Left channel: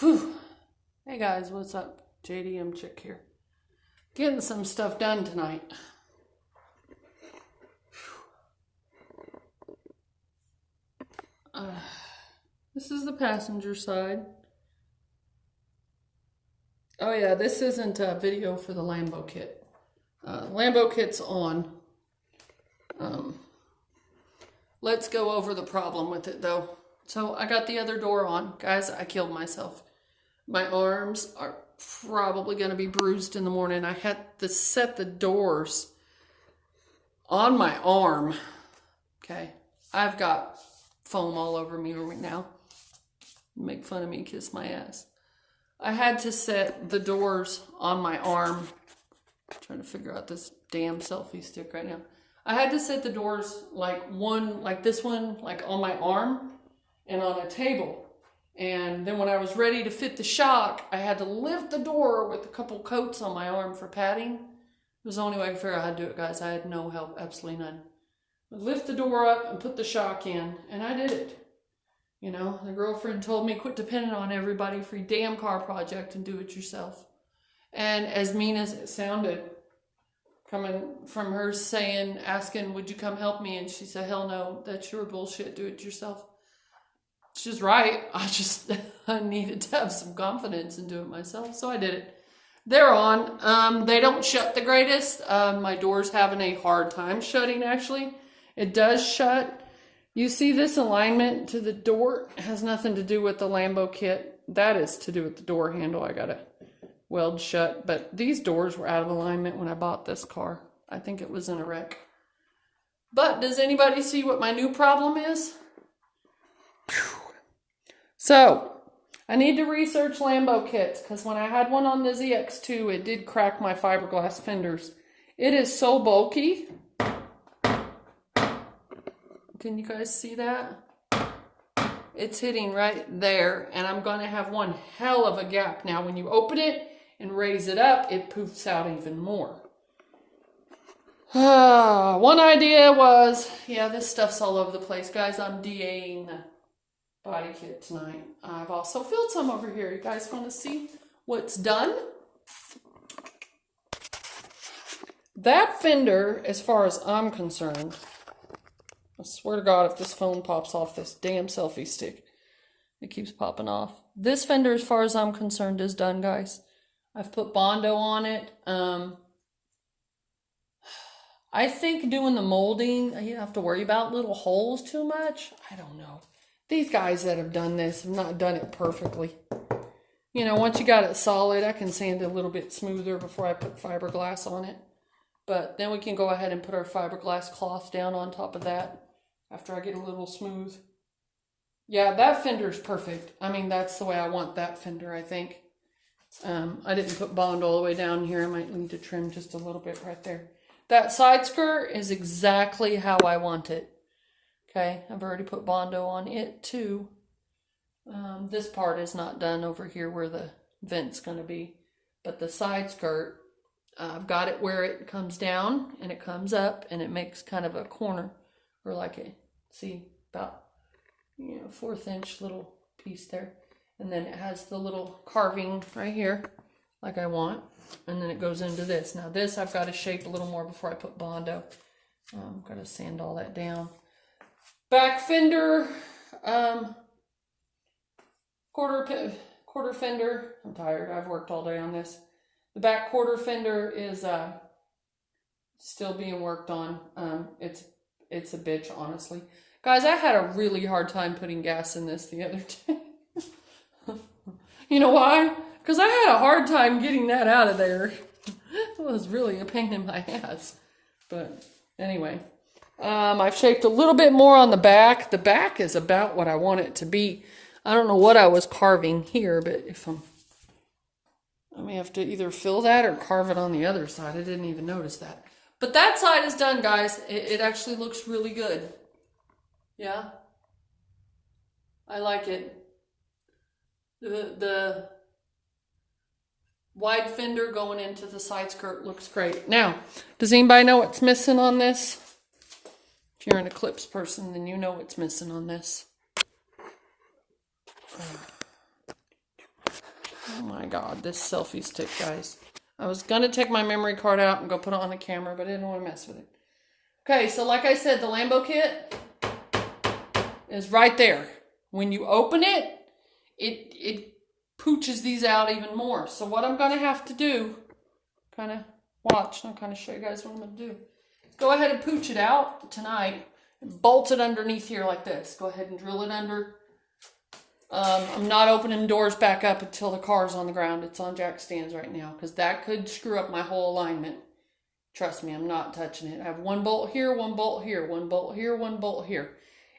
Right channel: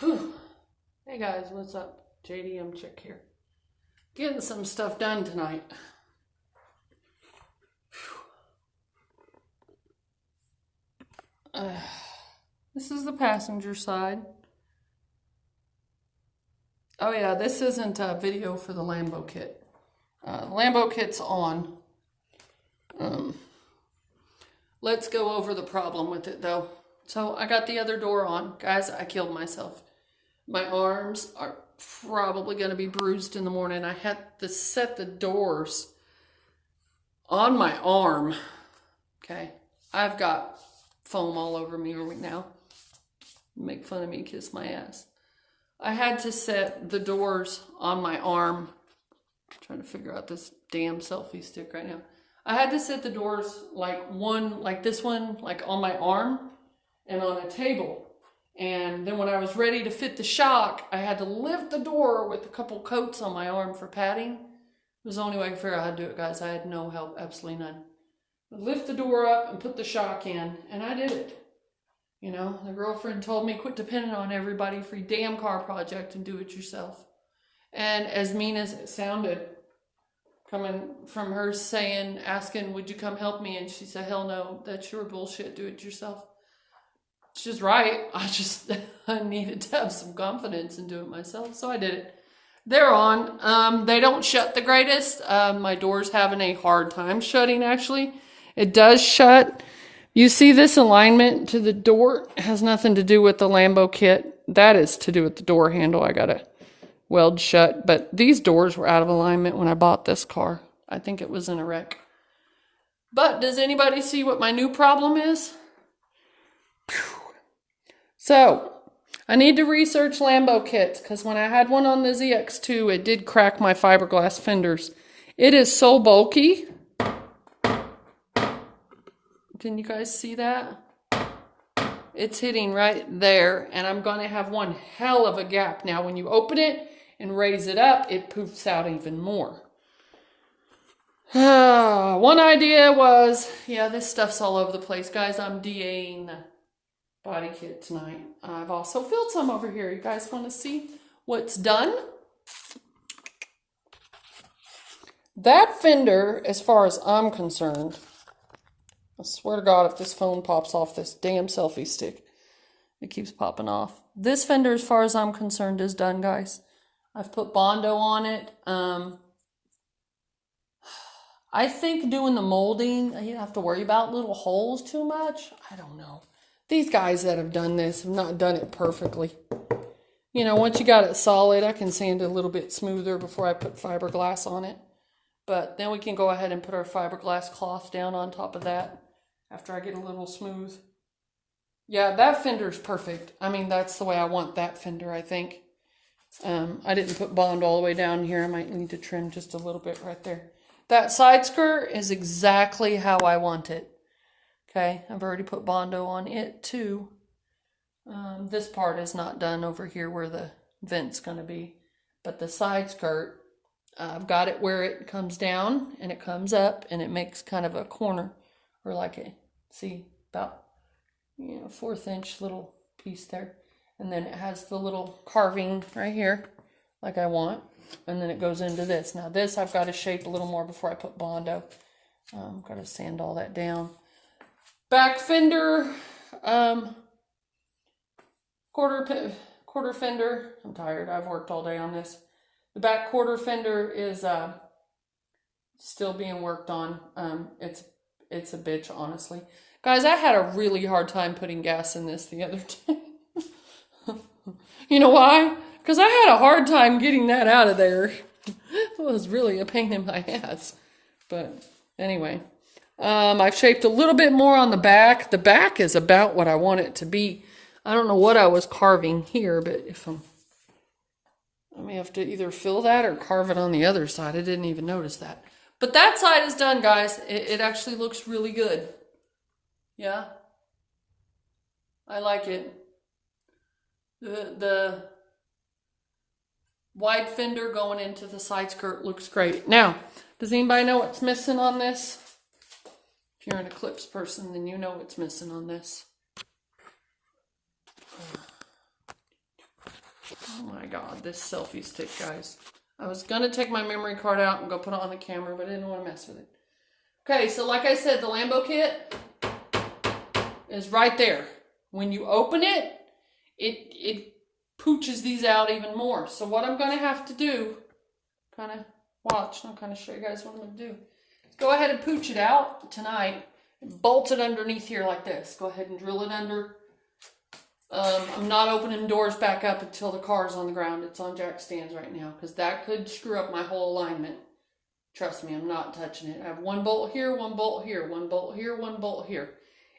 Whew. Hey guys, what's up? JDM Chick here. Getting some stuff done tonight. This is the passenger side. Oh yeah, this isn't a video for the Lambo kit. Lambo kit's on. Let's go over the problem with it though. So I got the other door on. Guys, I killed myself. My arms are probably going to be bruised in the morning. I had to set the doors on my arm. Okay. I've got foam all over me right now. Make fun of me, kiss my ass. I had to set the doors on my arm. I'm trying to figure out this damn selfie stick right now. I had to set the doors like this one, like on my arm and on a table. And then when I was ready to fit the shock, I had to lift the door with a couple coats on my arm for padding. It was the only way I could figure out how to do it, guys. I had no help, absolutely none. But lift the door up and put the shock in, and I did it. You know, the girlfriend told me, quit depending on everybody for your damn car project and do it yourself. And as mean as it sounded, coming from her asking, would you come help me? And she said, hell no, that's your bullshit, do it yourself. She's right. I needed to have some confidence and do it myself. So I did it. They're on. They don't shut the greatest. My door's having a hard time shutting, actually. It does shut. You see this alignment to the door? It has nothing to do with the Lambo kit. That is to do with the door handle. I got to weld shut. But these doors were out of alignment when I bought this car. I think it was in a wreck. But does anybody see what my new problem is? So, I need to research Lambo kits because when I had one on the ZX2, it did crack my fiberglass fenders. It is so bulky. Can you guys see that? It's hitting right there, and I'm going to have one hell of a gap. Now, when you open it and raise it up, it poofs out even more. One idea was, yeah, this stuff's all over the place. Guys, I'm DAing the body kit tonight. I've also filled some over here. You guys want to see what's done? That fender, as far as I'm concerned, I swear to God, if this phone pops off this damn selfie stick, it keeps popping off. This fender, as far as I'm concerned, is done, guys. I've put Bondo on it. I think doing the molding, you don't have to worry about little holes too much. I don't know. These guys that have done this have not done it perfectly. You know, once you got it solid, I can sand it a little bit smoother before I put fiberglass on it. But then we can go ahead and put our fiberglass cloth down on top of that after I get a little smooth. Yeah, that fender's perfect. I mean, that's the way I want that fender, I think. I didn't put Bond all the way down here. I might need to trim just a little bit right there. That side skirt is exactly how I want it. Okay, I've already put Bondo on it too. This part is not done over here where the vent's going to be. But the side skirt, I've got it where it comes down and it comes up and it makes kind of a corner. Or like a, see, about, 1/4 inch little piece there. And then it has the little carving right here, like I want. And then it goes into this. Now this I've got to shape a little more before I put Bondo. I've got to sand all that down. Back fender, quarter fender. I'm tired. I've worked all day on this. The back quarter fender is still being worked on. It's a bitch, honestly. Guys, I had a really hard time putting gas in this the other day. You know why? Because I had a hard time getting that out of there. It was really a pain in my ass. But anyway. I've shaped a little bit more on the back. The back is about what I want it to be. I don't know what I was carving here, but I may have to either fill that or carve it on the other side. I didn't even notice that. But that side is done, guys. It actually looks really good. Yeah. I like it. The wide fender going into the side skirt looks great. Now, does anybody know what's missing on this? If you're an Eclipse person, then you know what's missing on this. Oh my God, this selfie stick, guys. I was going to take my memory card out and go put it on the camera, but I didn't want to mess with it. Okay, so like I said, the Lambo kit is right there. When you open it, it pooches these out even more. So what I'm going to have to do, kind of watch, and I'll kind of show you guys what I'm going to do. Go ahead and pooch it out tonight. Bolt it underneath here like this. Go ahead and drill it under. I'm not opening doors back up until the car's on the ground. It's on jack stands right now because that could screw up my whole alignment. Trust me, I'm not touching it. I have one bolt here, one bolt here, one bolt here, one bolt here.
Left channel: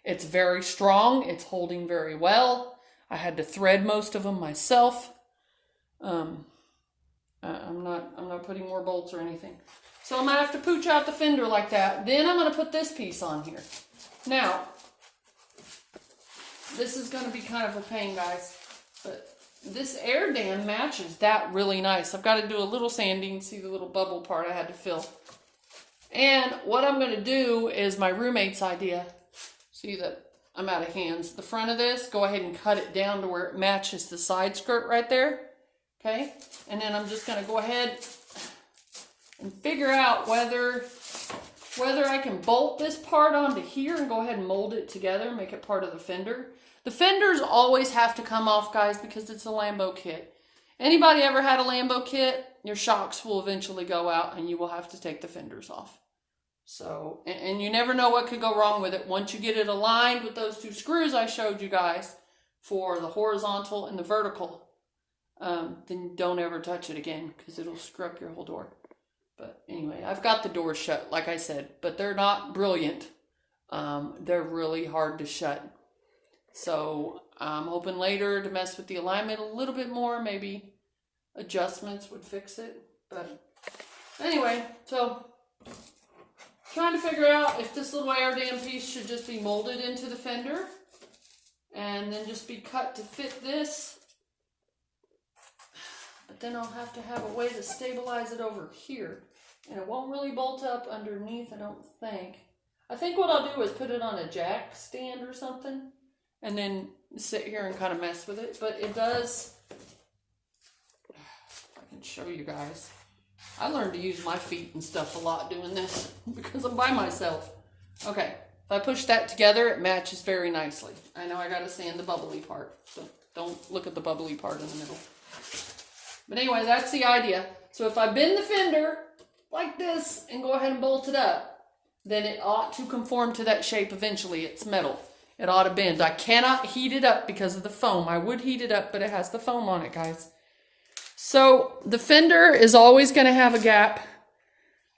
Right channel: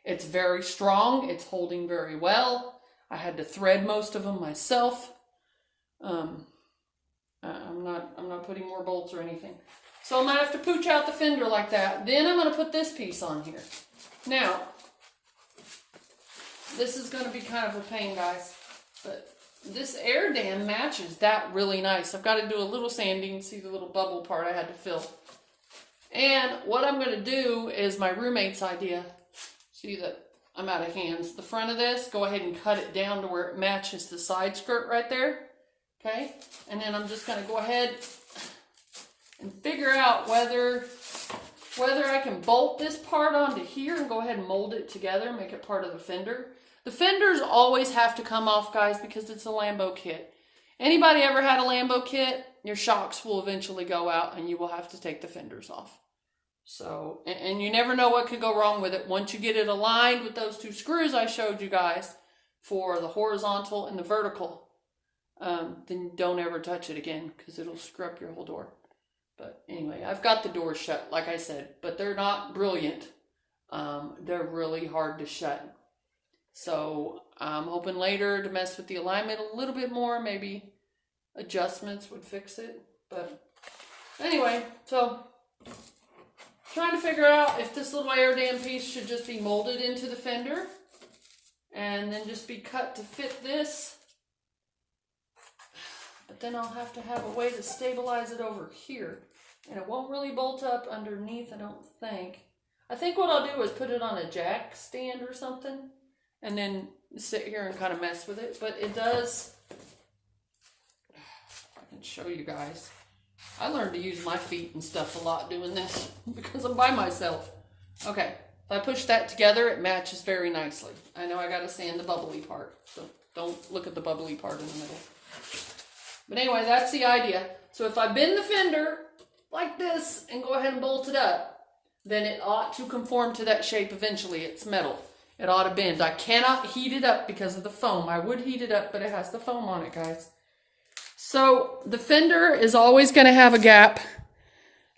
It's very strong. It's holding very well. I had to thread most of them myself. I'm not putting more bolts or anything. So I'm going to have to pooch out the fender like that. Then I'm going to put this piece on here. Now, this is going to be kind of a pain, guys. But this air dam matches that really nice. I've got to do a little sanding. See the little bubble part I had to fill. And what I'm going to do is my roommate's idea. See that I'm out of hands. The front of this, go ahead and cut it down to where it matches the side skirt right there. Okay? And then I'm just going to go ahead and figure out whether I can bolt this part onto here and go ahead and mold it together, make it part of the fender. The fenders always have to come off, guys, because it's a Lambo kit. Anybody ever had a Lambo kit, your shocks will eventually go out and you will have to take the fenders off. So, and you never know what could go wrong with it. Once you get it aligned with those two screws I showed you guys for the horizontal and the vertical, then don't ever touch it again because it'll screw up your whole door. But anyway, I've got the doors shut, like I said, but they're not brilliant. They're really hard to shut. So I'm hoping later to mess with the alignment a little bit more. Maybe adjustments would fix it. But anyway, so trying to figure out if this little air dam piece should just be molded into the fender and then just be cut to fit this. But then I'll have to have a way to stabilize it over here. And it won't really bolt up underneath, I don't think. I think what I'll do is put it on a jack stand or something and then sit here and kind of mess with it. But it does, I can show you guys. I learned to use my feet and stuff a lot doing this because I'm by myself. Okay, if I push that together, it matches very nicely. I know I got to sand the bubbly part, so don't look at the bubbly part in the middle. But anyway, that's the idea. So if I bend the fender like this and go ahead and bolt it up, then it ought to conform to that shape eventually. It's metal. It ought to bend. I cannot heat it up because of the foam. I would heat it up, but it has the foam on it, guys. So the fender is always going to have a gap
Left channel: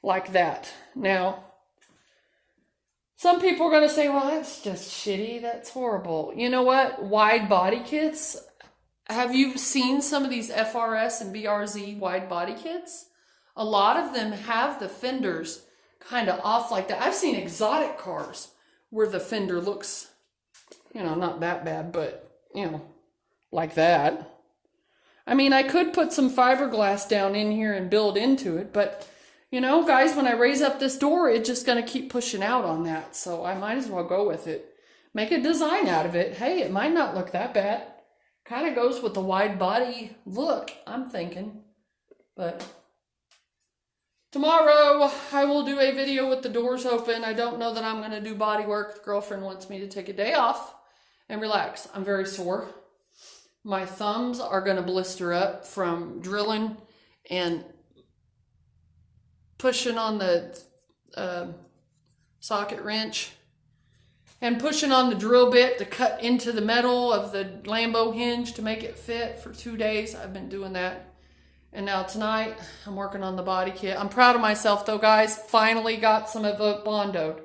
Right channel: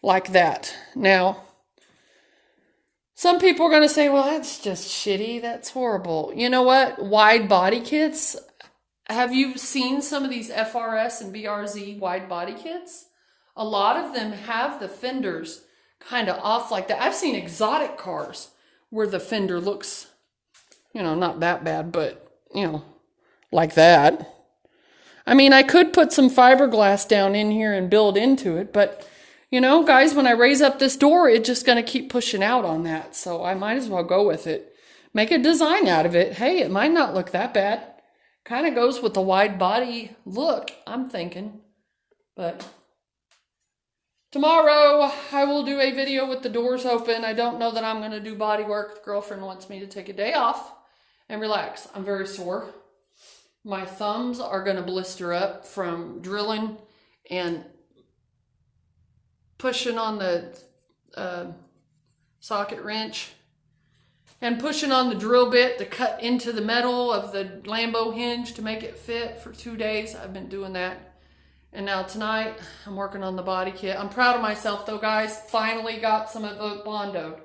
like that. Now, some people are going to say, well, that's just shitty. That's horrible. You know what? Wide body kits. Have you seen some of these FRS and BRZ wide body kits? A lot of them have the fenders kind of off like that. I've seen exotic cars where the fender looks, not that bad, but, like that. I mean, I could put some fiberglass down in here and build into it, but, guys, when I raise up this door, it's just going to keep pushing out on that. So I might as well go with it. Make a design out of it. Hey, it might not look that bad. Kind of goes with the wide body look, I'm thinking. But tomorrow I will do a video with the doors open. I don't know that I'm going to do body work. The girlfriend wants me to take a day off and relax. I'm very sore. My thumbs are going to blister up from drilling and pushing on the socket wrench and pushing on the drill bit to cut into the metal of the Lambo hinge to make it fit for 2 days. I've been doing that. And now tonight, I'm working on the body kit. I'm proud of myself though, guys. Finally got some of it bondoed.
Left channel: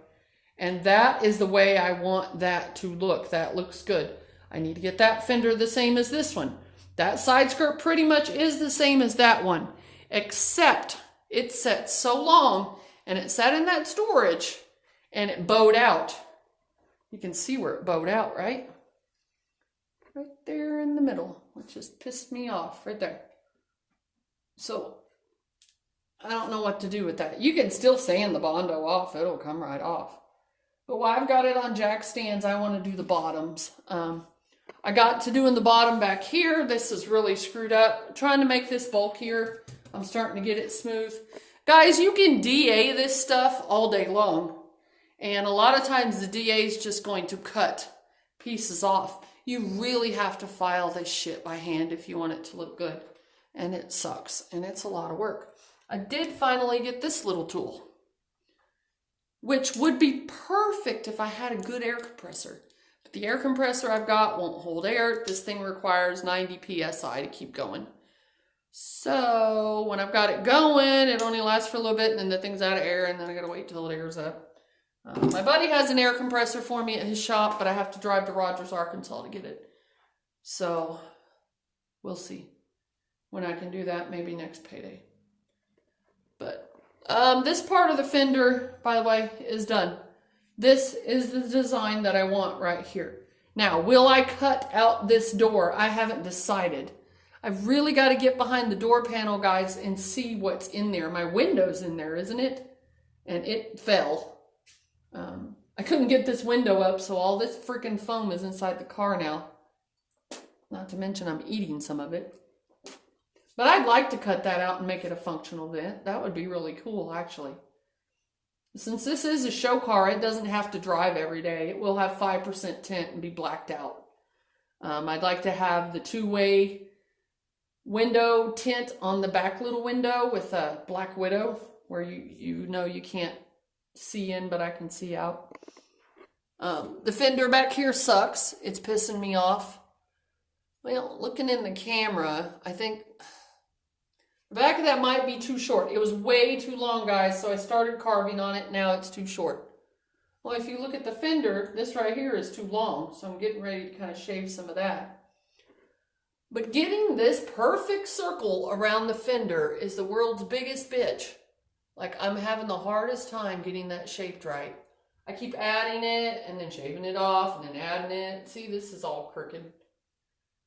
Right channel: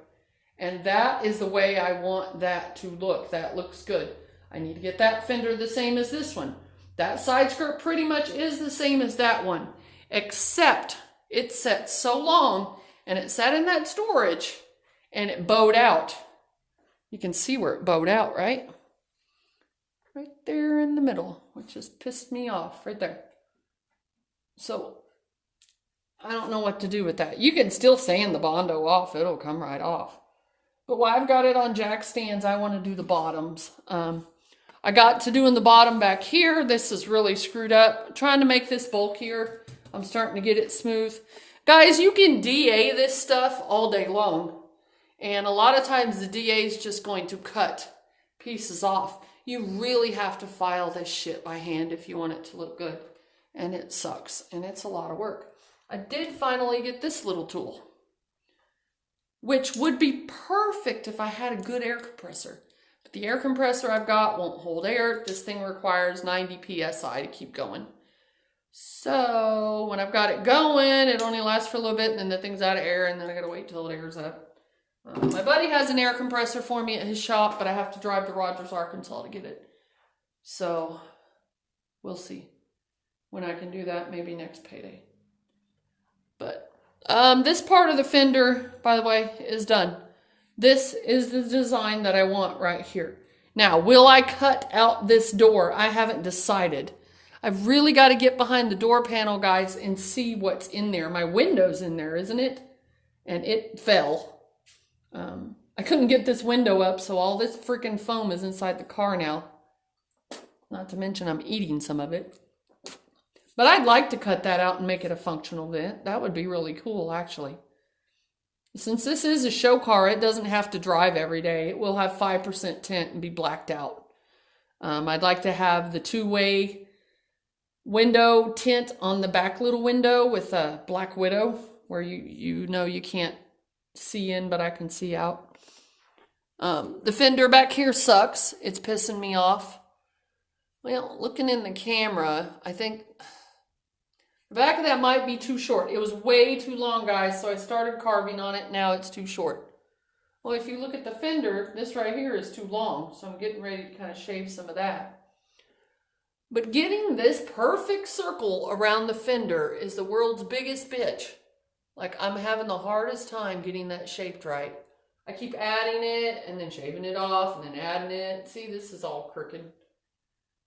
And that is the way I want that to look. That looks good. I need to get that fender the same as this one. That side skirt pretty much is the same as that one. Except it sat so long and it sat in that storage and it bowed out. You can see where it bowed out, right? Right there in the middle, which just pissed me off right there. So I don't know what to do with that. You can still sand the Bondo off. It'll come right off. But while I've got it on jack stands, I want to do the bottoms. I got to doing the bottom back here. This is really screwed up. I'm trying to make this bulkier. I'm starting to get it smooth. Guys, you can DA this stuff all day long. And a lot of times the DA is just going to cut pieces off. You really have to file this shit by hand if you want it to look good. And it sucks. And it's a lot of work. I did finally get this little tool, which would be perfect if I had a good air compressor. But the air compressor I've got won't hold air. This thing requires 90 PSI to keep going. So when I've got it going, it only lasts for a little bit, and then the thing's out of air, and then I gotta wait till it airs up. My buddy has an air compressor for me at his shop, but I have to drive to Rogers, Arkansas to get it. So we'll see when I can do that, maybe next payday. But this part of the fender, by the way, is done. This is the design that I want right here. Now, will I cut out this door? I haven't decided. I've really got to get behind the door panel, guys, and see what's in there. My window's in there, isn't it? And it fell. I couldn't get this window up, so all this freaking foam is inside the car now. Not to mention I'm eating some of it. But I'd like to cut that out and make it a functional vent. That would be really cool, actually. Since this is a show car, it doesn't have to drive every day. It will have 5% tint and be blacked out. I'd like to have the two-way window tint on the back little window with a black widow, where you know you can't see in, but I can see out. The fender back here sucks. It's pissing me off. Well, looking in the camera, I think the back of that might be too short. It was way too long, guys, so I started carving on it. Now it's too short. Well, if you look at the fender, this right here is too long, so I'm getting ready to kind of shave some of that. But getting this perfect circle around the fender is the world's biggest bitch. Like, I'm having the hardest time getting that shaped right. I keep adding it and then shaving it off and then adding it. See, this is all crooked.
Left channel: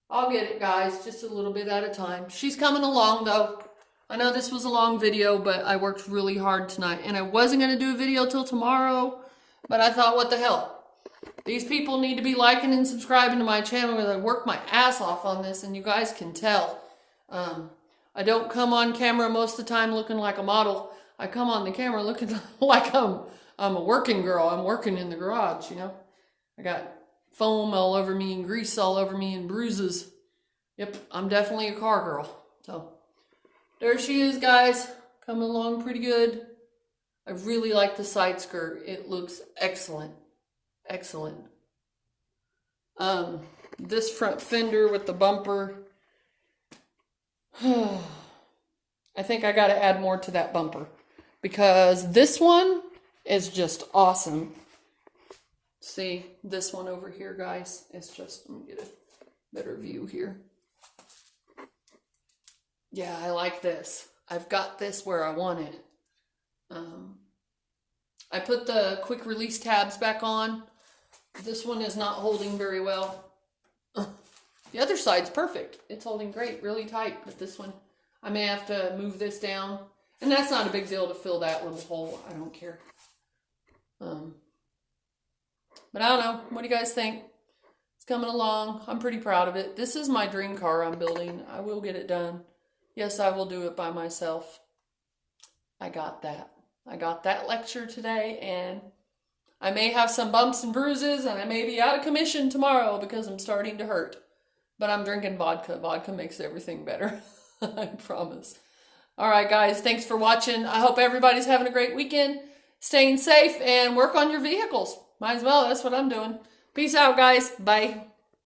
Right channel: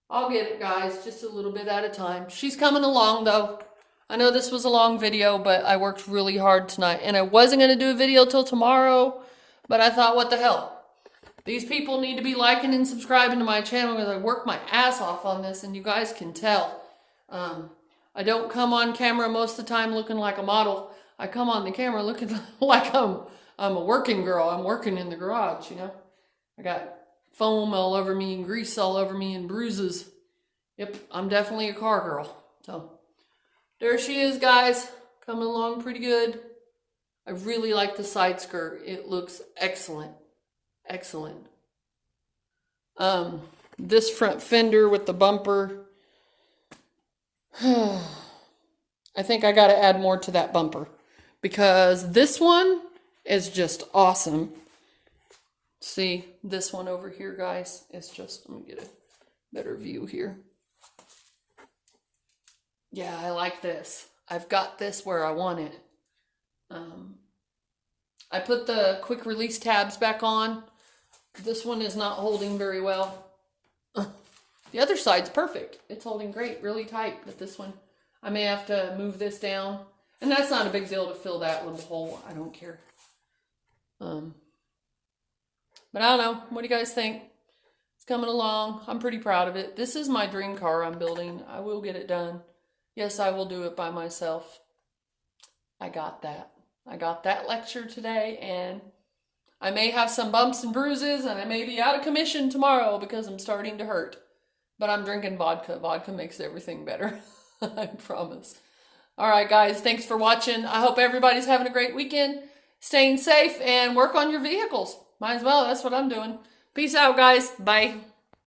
I'll get it, guys, just a little bit at a time. She's coming along, though. I know this was a long video, but I worked really hard tonight. And I wasn't going to do a video till tomorrow, but I thought, what the hell? These people need to be liking and subscribing to my channel because I worked my ass off on this, and you guys can tell. I don't come on camera most of the time looking like a model. I come on the camera looking like I'm a working girl. I'm working in the garage, you know. I got foam all over me and grease all over me and bruises. Yep, I'm definitely a car girl. So there she is, guys. Coming along pretty good. I really like the side skirt. It looks excellent. Excellent. This front fender with the bumper. I think I got to add more to that bumper because this one is just awesome. See, this one over here, guys, is just, let me get a better view here. Yeah, I like this. I've got this where I want it. I put the quick release tabs back on. This one is not holding very well. The other side's perfect. It's holding great, really tight, but this one, I may have to move this down. And that's not a big deal to fill that little hole. I don't care. But I don't know. What do you guys think? It's coming along. I'm pretty proud of it. This is my dream car I'm building. I will get it done. Yes, I will do it by myself. I got that. I got that lecture today, and I may have some bumps and bruises, and I may be out of commission tomorrow because I'm starting to hurt. But I'm drinking vodka. Vodka makes everything better. I promise. All right, guys. Thanks for watching. I hope everybody's having a great weekend, staying safe, and work on your vehicles. Might as well. That's what I'm doing. Peace out, guys. Bye.